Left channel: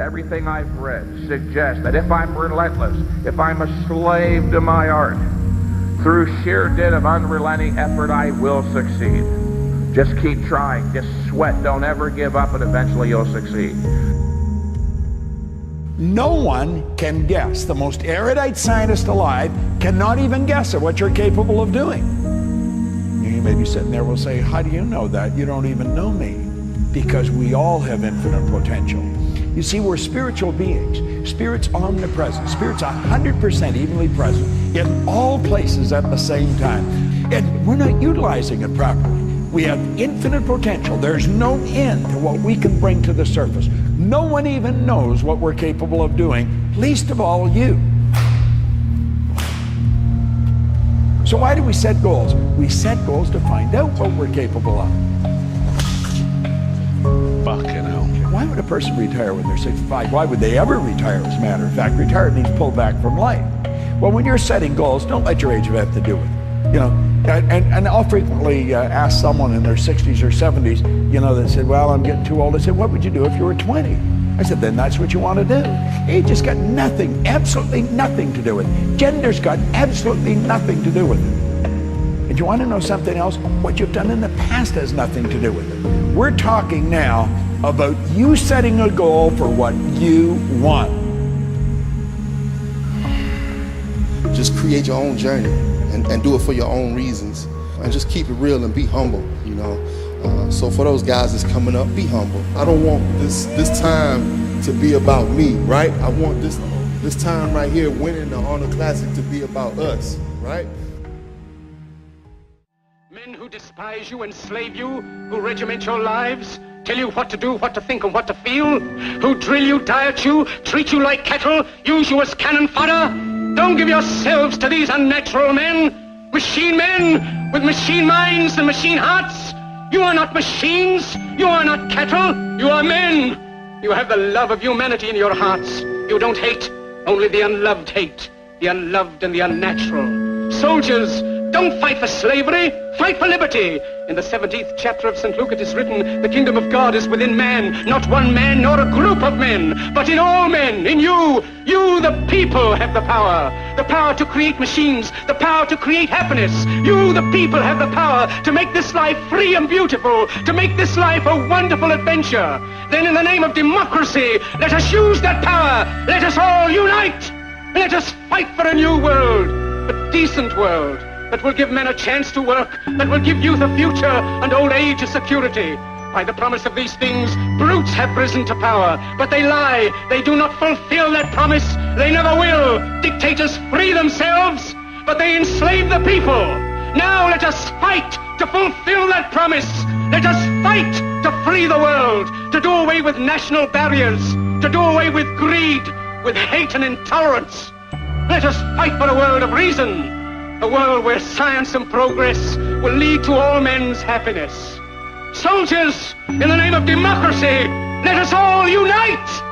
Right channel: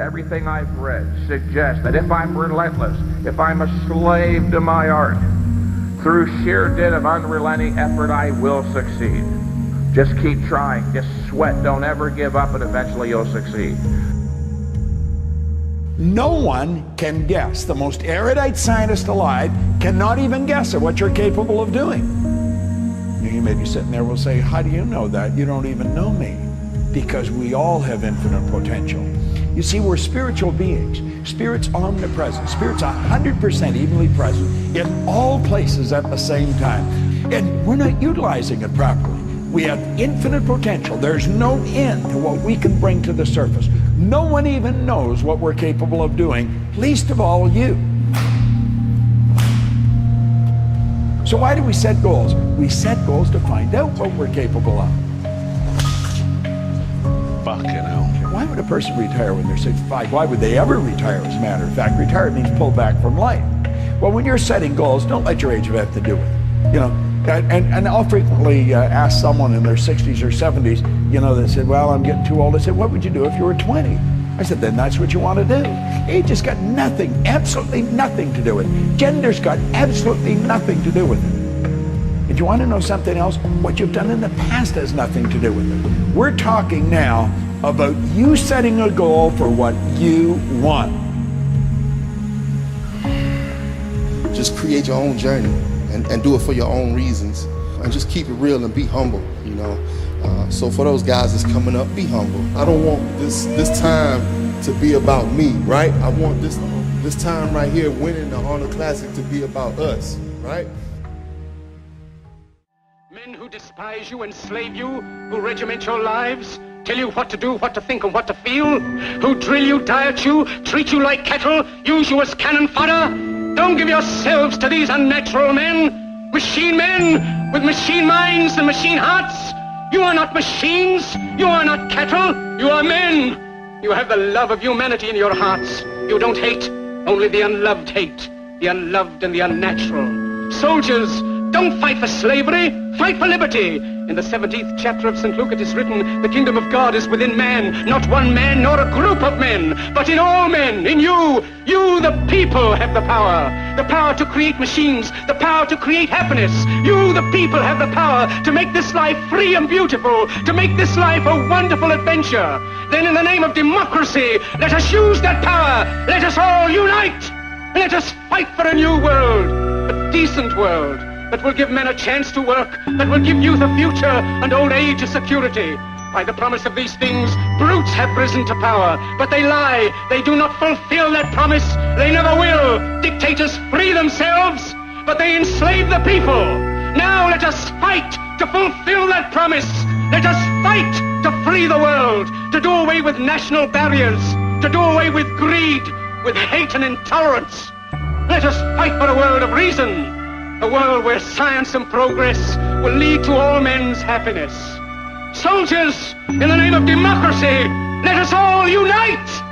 everything I've read suggests that if I'm relentless, if I'm a slave to my art, through sheer dint of unrelenting effort, I will succeed. Just keep trying, just sweat, don't ever give up, and eventually you'll succeed. No one can guess. The most erudite scientist alive cannot even guess at what you're capable of doing. You may be sitting there and will say, how do you know that? You don't even know me. Because we all have infinite potential. You see, we're spiritual beings. Spirit's omnipresent. Spirit's 100% evenly present in all places at the same time. And we're not utilizing it properly. We have infinite potential. There's no end to what we can bring to the surface. No one even knows what we're capable of doing, least of all you. So why do we set goals? We set goals to find out what we're capable of. Fucking hell. Why would a person retire when they're 65? Why would they ever retire, as a matter of fact? Retire means pull back from life. Well, when you're setting goals, don't let your age have anything to do with it. You know, and I'll frequently ask someone in their 60s or 70s, you know, that said, well, I'm getting too old. I said, what would you do if you were 20? I said, then that's what you want to do. Age has got nothing, absolutely nothing to do with it. Gender's got absolutely nothing to do with it. And you want to know something else? What you've done in the past has nothing to do with it. We're talking now about you setting a goal for what you want. Just create your own journey and do it for your own reasons. And just keep it real and be humble, you know. So for those guys that's coming up, be humble. I don't want this time to be about me, right? I want this time right here winning the Honor Classic to be about us, right? Men who despise you, enslave you, who regiment your lives, tell you what to do, what to think, and what to feel, who drill you, diet you, treat you like cattle, use you as cannon fodder. Don't give yourselves to these unnatural men, machine men with machine minds and machine hearts. You are not machines, you are not cattle, you are men. You have the love of humanity in your hearts. You don't hate, only the unloved hate, the unloved and the unnatural. Soldiers, don't fight for slavery, fight for liberty. In the 17th chapter of St. Luke it is written, the kingdom of God is within man, not one man nor a group of men, but in all men, in you. You, the people, have the power to create machines, the power to create happiness. You, the people, have the power to make this life free and beautiful, to make this life a wonderful adventure. Then in the name of democracy, let us use that power. Let us all unite. Let us fight for a new world, a decent world, that will give men a chance to work, that will give youth a future and old age a security. By the promise of these things, brutes have risen to power, but they lie. They do not fulfill that promise. They never will. Dictators free themselves, but they enslave the people. Now let us fight to fulfill that promise. Let us fight to free the world, to do away with national barriers, to do away with greed, with hate and intolerance. Let us fight for a world of reason, a world where science and progress will lead to all men's happiness. Soldiers, in the name of democracy, let us all unite!